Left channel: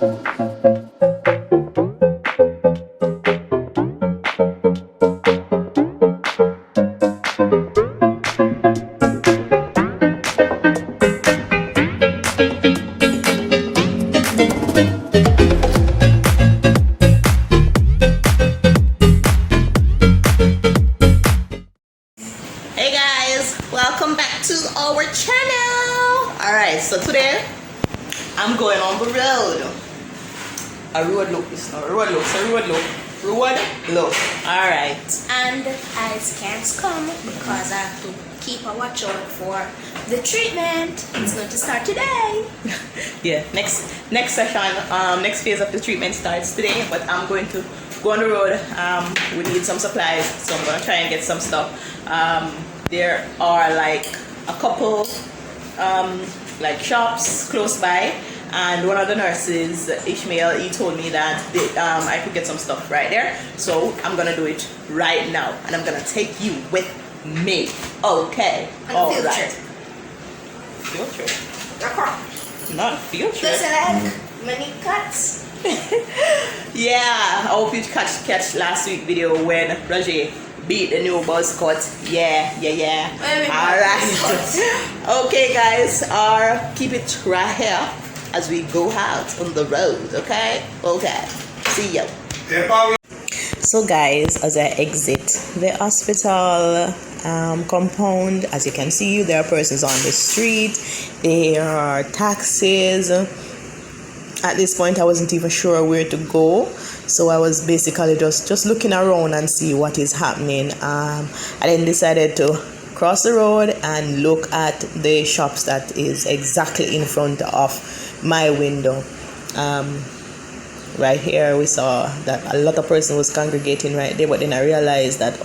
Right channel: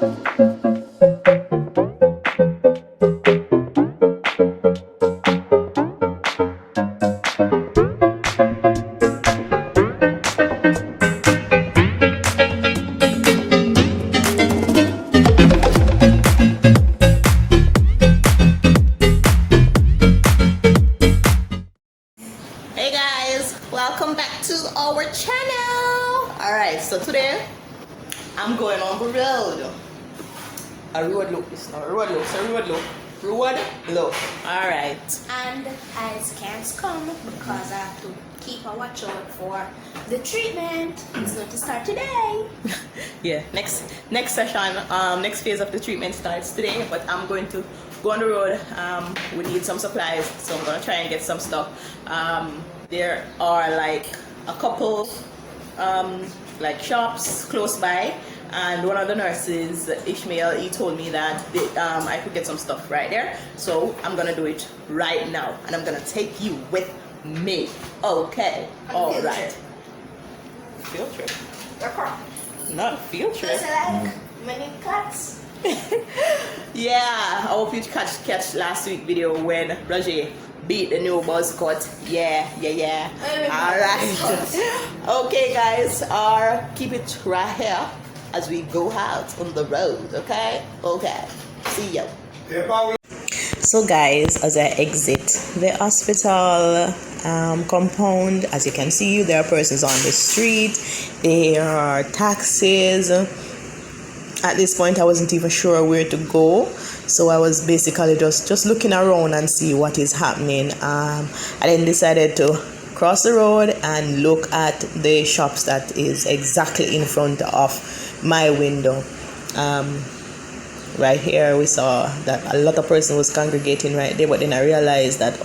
So today I'm going on the road. A road look, it's not a road look, it's a road look. Road look. Alright. And I can't come because I have to keep a watch out for the treatment. It's going to start today. Yeah, next session, next phase of the treatment starts today, but I'm going to go on the road. We need some supplies, so I'm gonna try and get some stuff. There are like a couple like shops close by, and one of the nurses, Ishmael, he told me that I could get some stuff right there, so I'm gonna do it right now, and I'm gonna take you with me. Okay. All right. Field trip. Not a field trip. Does it like many cuts? Yeah, I hope you catch last week video when Raje beat the new buzz cut. Yeah. Alright. Okay guys, keep it right here as we go out on the road, okay? Okay. See you. So guys, as I exit the hospital compound, as you can see, there are persons on the street, there are taxis. At this point I wasn't even sure where to go, so I was basically just looking around and see what is happening. I then decided to cross the road and look at the shops that is exactly in front of my window. Right here we saw that a lot of person was congregating right there, but then I realized that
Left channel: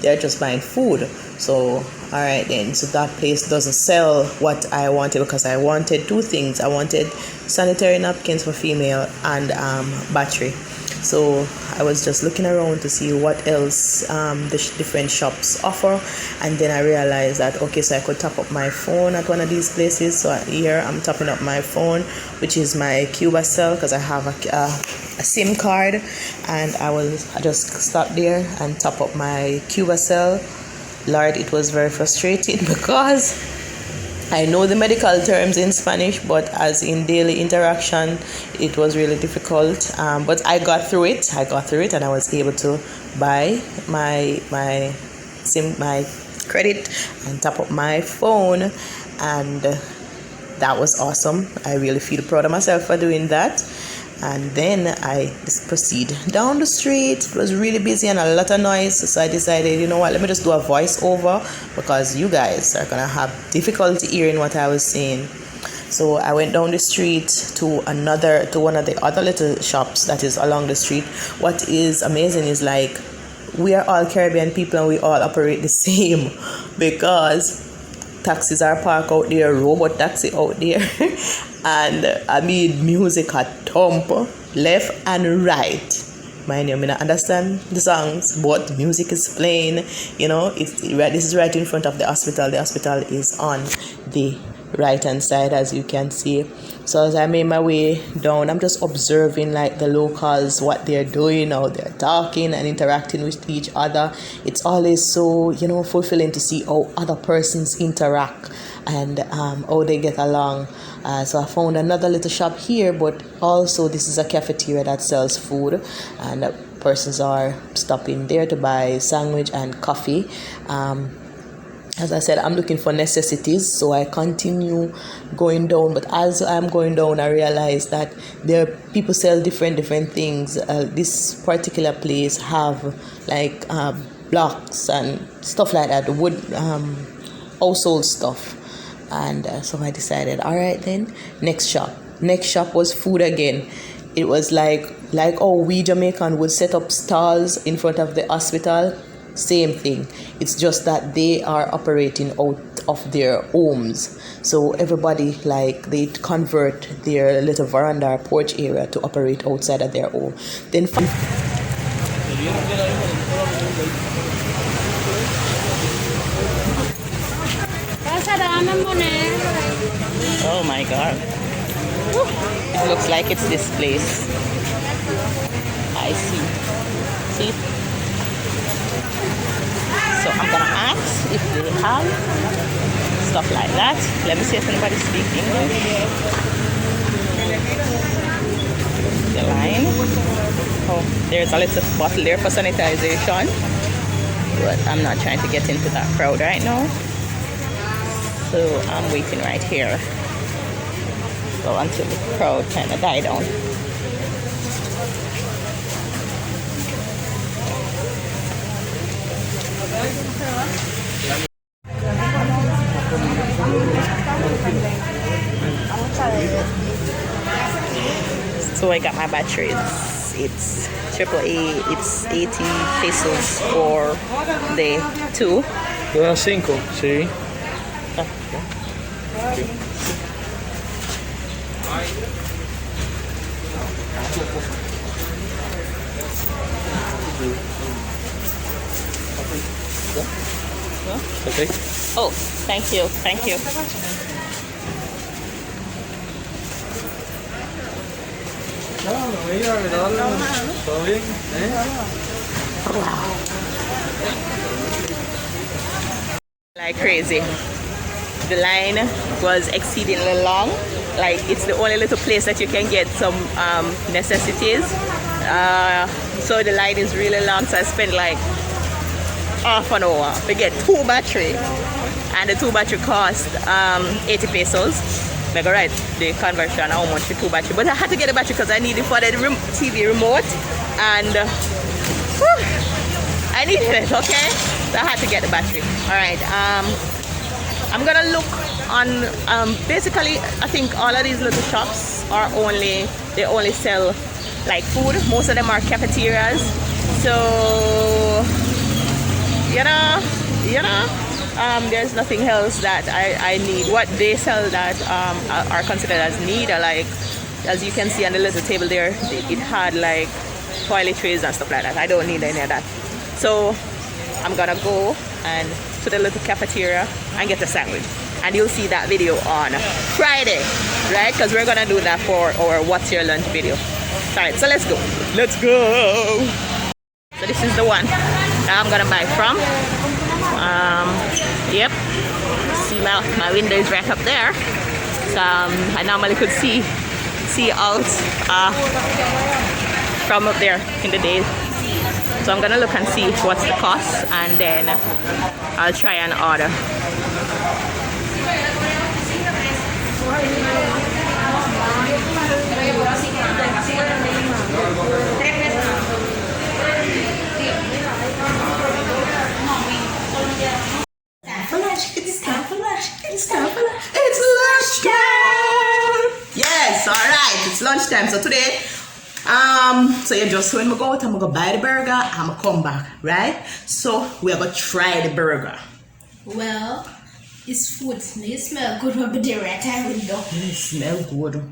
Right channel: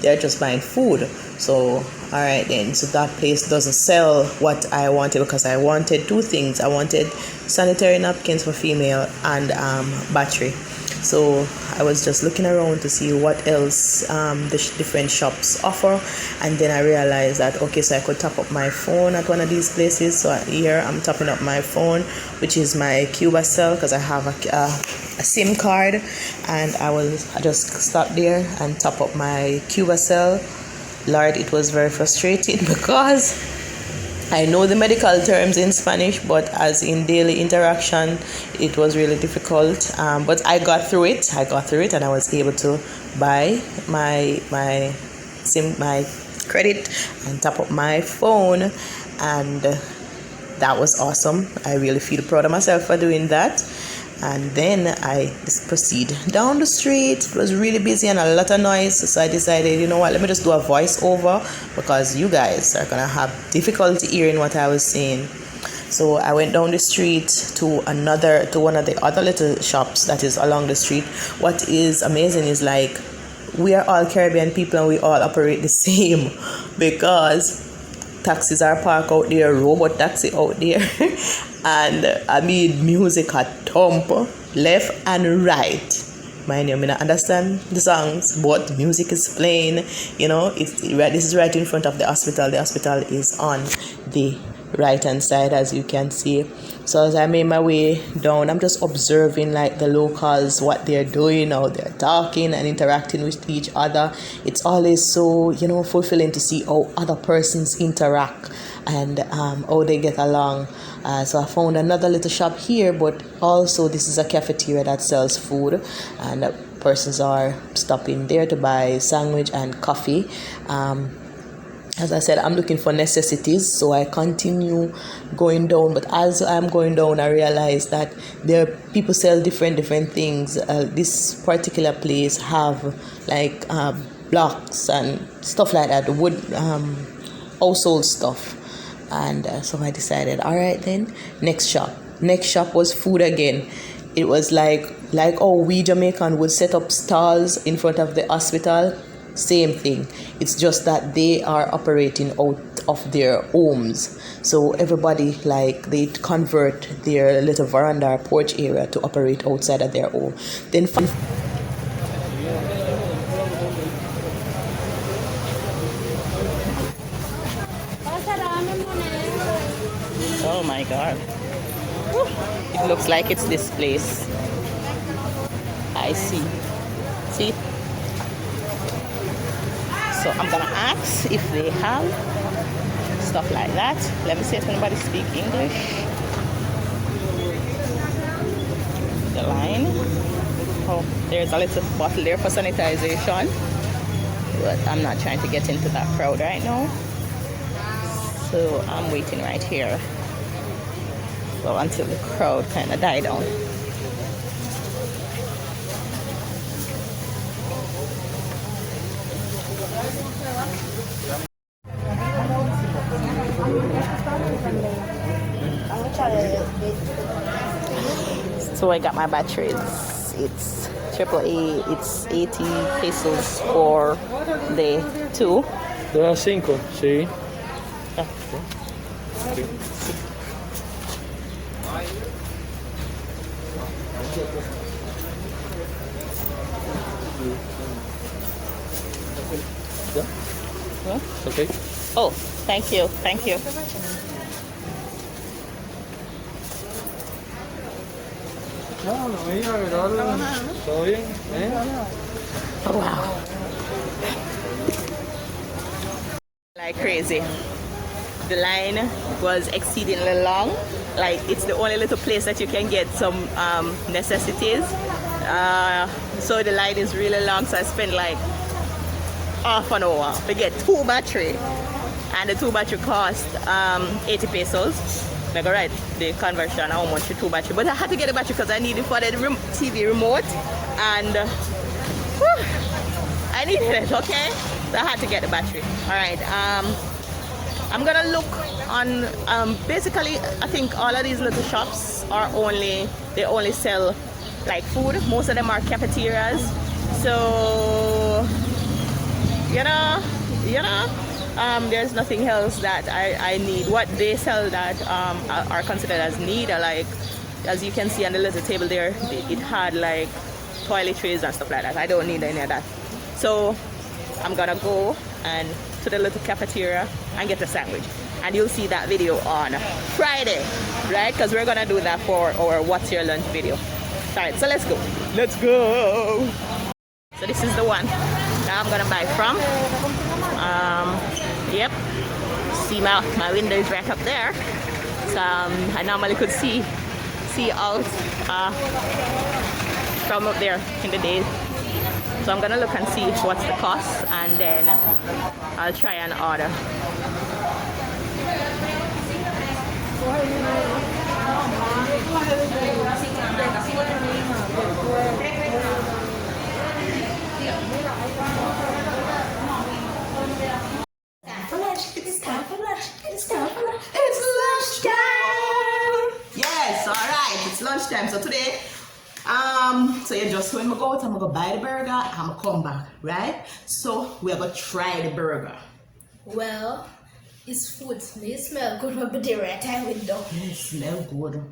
they're just buying food. So alright then, so that place doesn't sell what I wanted, because I wanted two things. I wanted sanitary napkins for female and battery. So I was just looking around to see what else the different shops offer, and then I realized that okay, so I could top up my phone at one of these places. So here I'm topping up my phone, which is my Cuba cell, because I have a SIM card, and I just stop there and top up my Cuba cell. Lord, it was very frustrating because I know the medical terms in Spanish, but as in daily interaction, it was really difficult. But I got through it. And I was able to buy my credit and top up my phone, and that was awesome. I really feel proud of myself for doing that. And then I just proceed down the street. It was really busy and a lot of noise, so I decided, you know what, let me just do a voiceover, because you guys are gonna have difficulty hearing what I was saying. So I went down the street to one of the other little shops that is along the street. What is amazing is, like, we are all Caribbean people and we all operate the same, because taxis are parked out there, robot taxi out there, and I mean music at thump left and right. Mind you, I mean, I understand the songs, but music is playing. You know, this is right in front of the hospital. The hospital is on the right hand side, as you can see. So as I made my way down, I'm just observing like the locals, what they're doing, how they're talking and interacting with each other. It's always so, you know, fulfilling to see how other persons interact and how they get along. So I found another little shop here, but also this is a cafeteria that sells food, and persons are stopping there to buy sandwich and coffee. As I said, I'm looking for necessities, so I continue going down. But as I'm going down, I realize that there are people sell different things. This particular place have like blocks and stuff like that, wood household stuff. And so I decided, all right then, next shop was food again. It was like we Jamaican would set up stalls in front of the hospital. Same thing. It's just that they are operating out of their homes. So everybody, like, they convert their little veranda or porch area to operate outside of their home. Then oh my god. It looks like it's this place. I see. See? So I'm gonna ask if they have stuff like that. Let me see if anybody speaks English. The line. Oh, there's a little bottle there for sanitization. But I'm not trying to get into that crowd right now. So I'm waiting right here. Oh, until the crowd kind of die down. So I got my batteries. It's AAA. It's 80 pesos for the 2. No, 5, sí. Okay. Oh, thank you, thank you. Like crazy. The line was exceedingly long. Like it's the only little place that you can get some necessities. So the line is really long. So I spent like half an hour to get 2 batteries, and the 2 battery cost 80 pesos. Like alright, the conversion how much the 2 battery, but I had to get the battery because I need it for the TV remote, and I needed it. Okay, so I had to get the battery. Alright, I'm gonna look on basically I think all of these little shops are they only sell like food. Most of them are cafeterias, so there's nothing else that I need. What they sell that are considered as need are like, as you can see on the little table there, it had like toiletries and stuff like that. I don't need any of that. So I'm gonna go and to the little cafeteria and get a sandwich. And you'll see that video on Friday, right? Because we're gonna do that for our What's Your Lunch video. Alright, so let's go. Let's go! So this is the one that I'm gonna buy from. Yep. See my window is right up there. So I normally could see out from up there in the day. So I'm gonna look and see what's the cost, and then I'll try and order. It's lunchtime. Yes, all right. It's lunchtime. So today, so you just when we go out, I'm gonna buy the burger. I'm gonna come back, right? So we are gonna try the burger. Well, it's food. It smell good when we right out window. It smell good,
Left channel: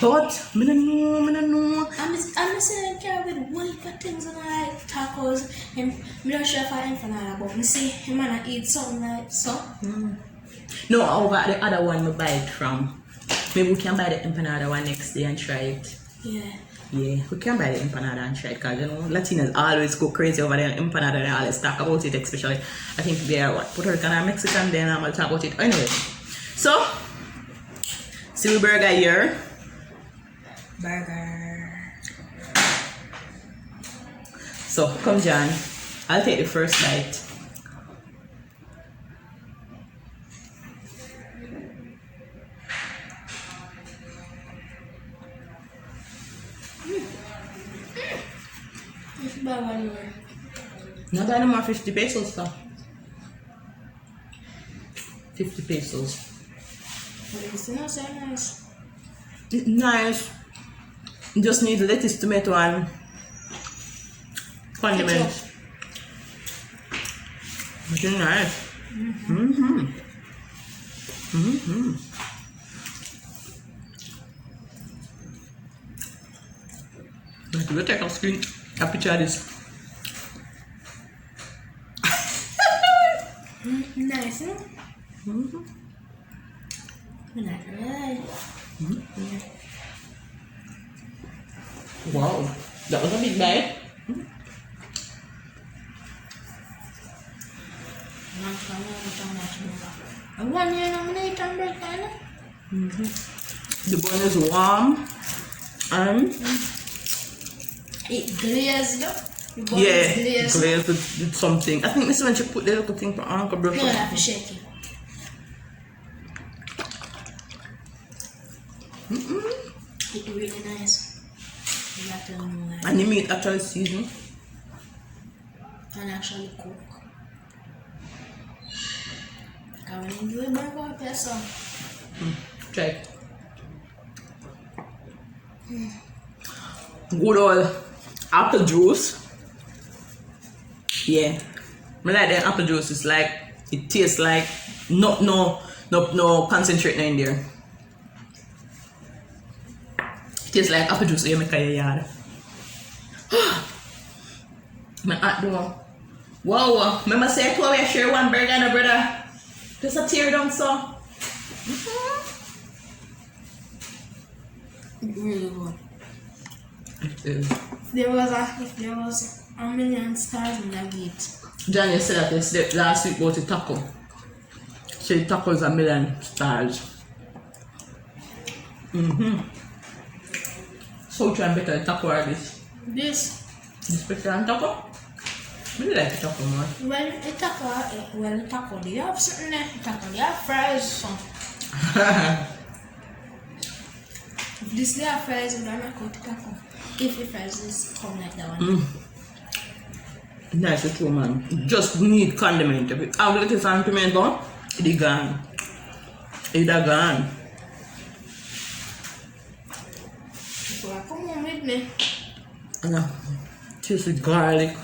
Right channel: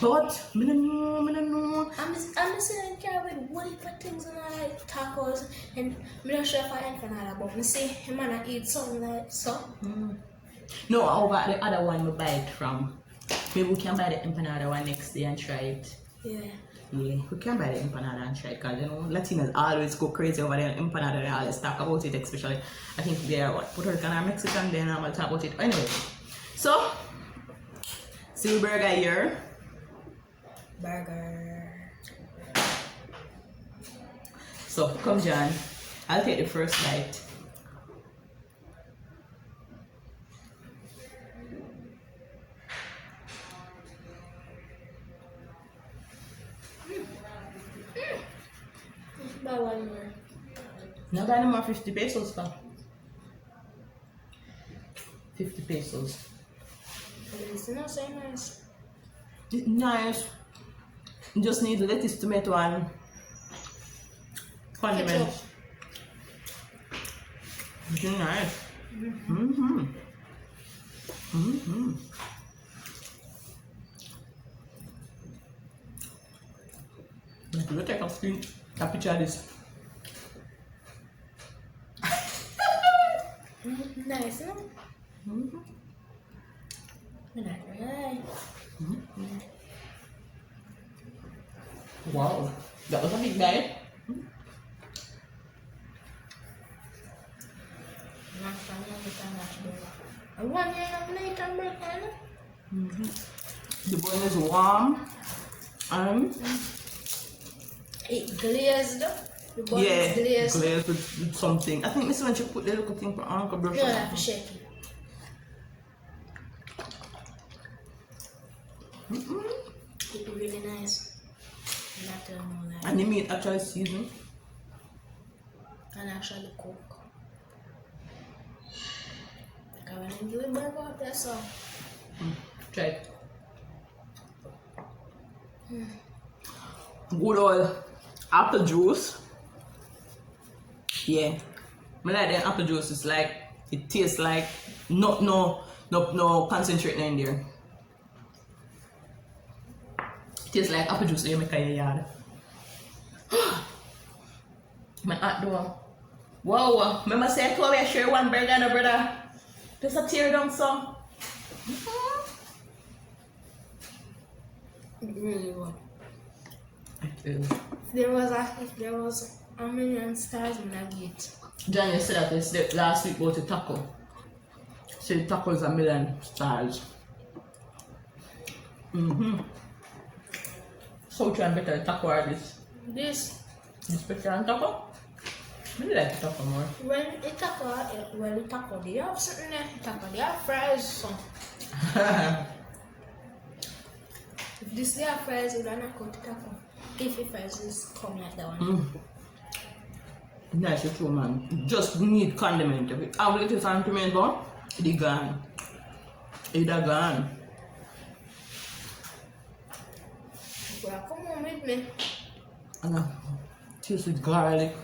but I don't know. I'm saying care with one heap of things and I like tacos, and I'm not sure if I ain't for that, but I see him wanna eat something like so. No, over the other one we buy it from. Maybe we can buy the empanada one next day and try it. Yeah. Yeah, we can buy the empanada and try it, because you know Latinos always go crazy over the empanada. They always talk about it, especially I think they are what, Puerto Rican or Mexican. Then I'm gonna talk about it anyway. So see we burger here. Burger. So come John, I'll take the first bite. Buy one more. Not anymore. 50 pesos though. 50 pesos. It's not so nice. It's nice. You just need lettuce, tomato, and condiments. It's nice. Let me take a screen. A picture of this. Nice, huh? Not right. Wow, that was a big bite. The bun is warm and it glazed. The bun yeah, is glazed. glazed with something. I think Miss when she put the little thing for Uncle brush. You don't have to shake it. It's really nice. You have to know that. And the meat actually seasoned. And actually cook. When you do a burger up there, so. Try it. Good old apple juice. Yeah. I like the apple juice. It's like, it tastes like no concentrate in there. It tastes like apple juice you make in your yard. My aunt do. Wow. Remember say I told you I share one burger and a brother. Just a tear down so. Really good. It is. If there was a million stars in that meat. John, you said that this last week about the taco. So the taco is a million stars. So which one better, the taco or this? This. This better than taco? I really like the taco more. The taco, they have something there. Taco, they have fries. So. If this they have fries, we don't have to taco. If the fries is come like that one. Nice, it's true, man. Just need condiment. If you have a little condiment on, it's gone. It's gone. So come on with me. Taste with garlic.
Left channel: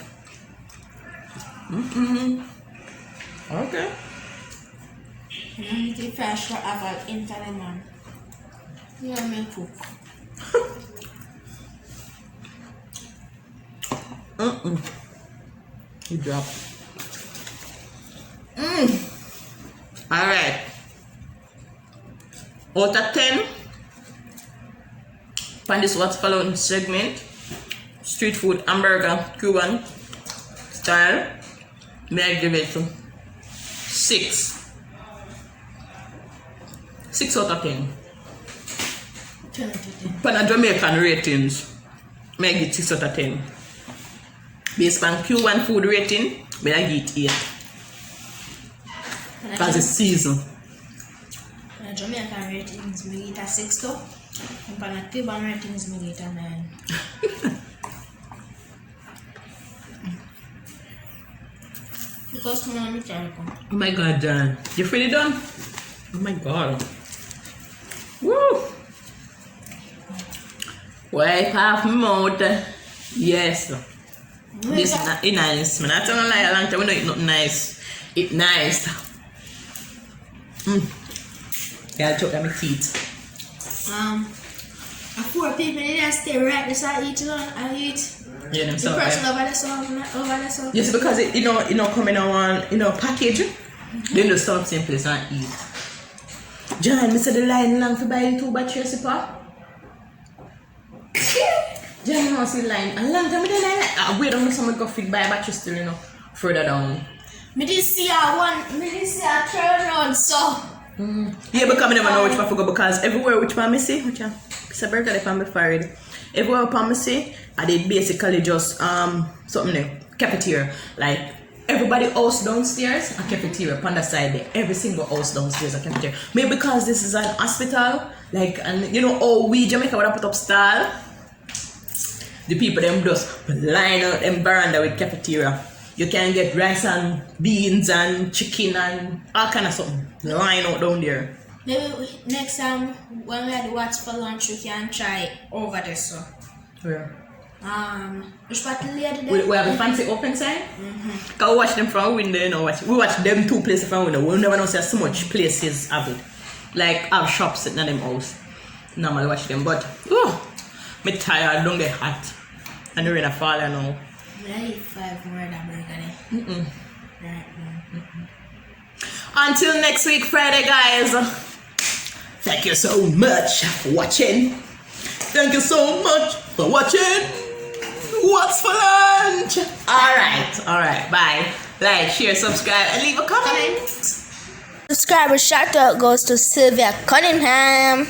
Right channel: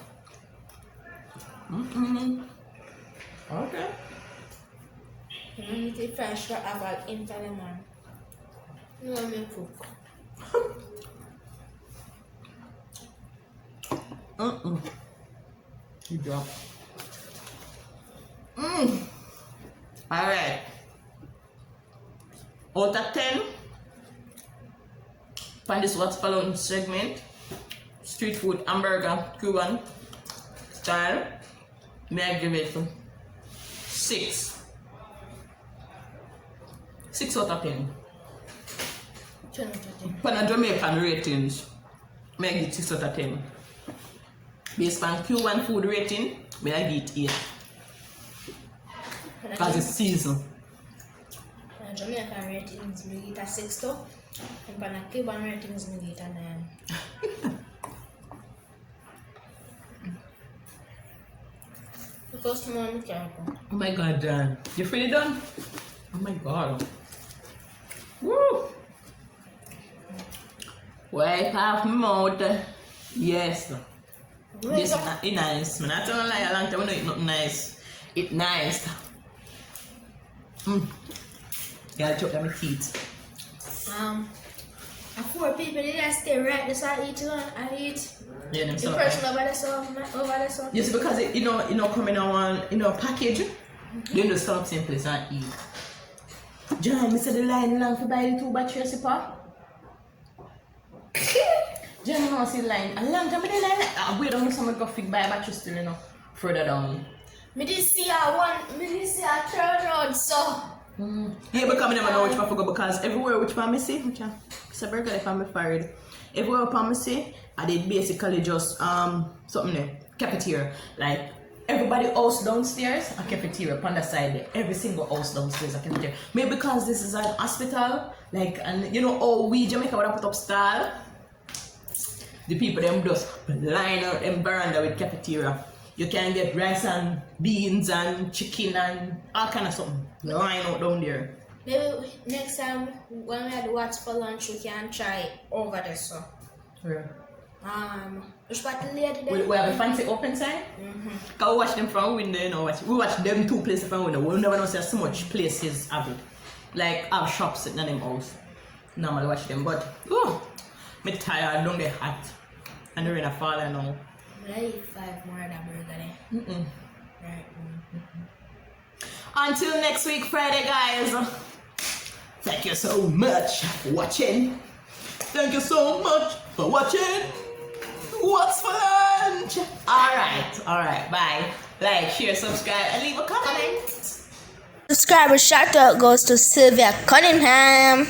Okay. You need to fresh for about in man. You want me to cook? You drop. Alright. Out of 10. Find this what's following segment. Street food, hamburger, Cuban style. May I give it 6. 6 out of 10. 10 out of 10. For Jamaican ratings, may I give 6 out of 10. Based on Cuban food rating, may I give 8. Because it's season. For Jamaican ratings, I give it a 6 too. And for Cuban ratings, I give it a 9. Because tomorrow I'm terrible. Oh my god, John. You fully done? Oh my god. Woo! Wipe off my mouth. Yes. This is not nice. I'm not telling a lie, a long time we know it's not nice. It's nice. Yeah, choke at my teeth. A poor people they just stay right there, so I eat alone. I eat. Yeah, The person over there, so. Yes, because it come in on package. Then just stop same place and eat. John, I said the line long for buy the 2 battery recipe. John, you know see the line. A long time I didn't wait on someone go fit buy a battery still, further down. Me did see a turn round, so. Yeah, because I never know which one to go because everywhere which one I see, which one? It's a burger if I'm before everywhere upon me see, I did basically just something there, cafeteria. Like everybody house downstairs, a cafeteria upon the side there. Every single house downstairs a cafeteria. Maybe because this is an hospital, like and oh we Jamaica would have put up stall. The people them just line out them veranda with cafeteria. You can get rice and beans and chicken and all kind of something. Line out down there. Maybe next time when we had to watch for lunch, we can try over there, so. Where? Which part of the lady We have a fancy open sign. Cause we watch them from window, we watch them 2 places from window. We'll never know see so much places have it. Like have shops sitting in them house. Normally watch them, but me tired, don't get hot. And the rain a fall now. I eat 5 more than burger. Right. Until next week, Friday, guys. Thank you so much for watching. Thank you so much for watching. What's for lunch? Alright, bye. Like, share, subscribe, and leave a comment. Subscriber shout out goes to Sylvia Cunningham.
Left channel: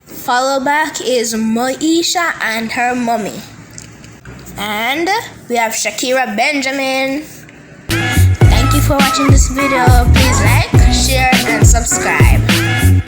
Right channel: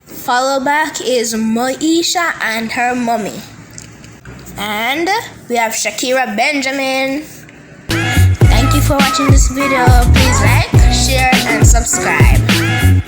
Follow back is Moesha and her mommy. And we have Shakira Benjamin. Thank you for watching this video. Please like, share, and subscribe.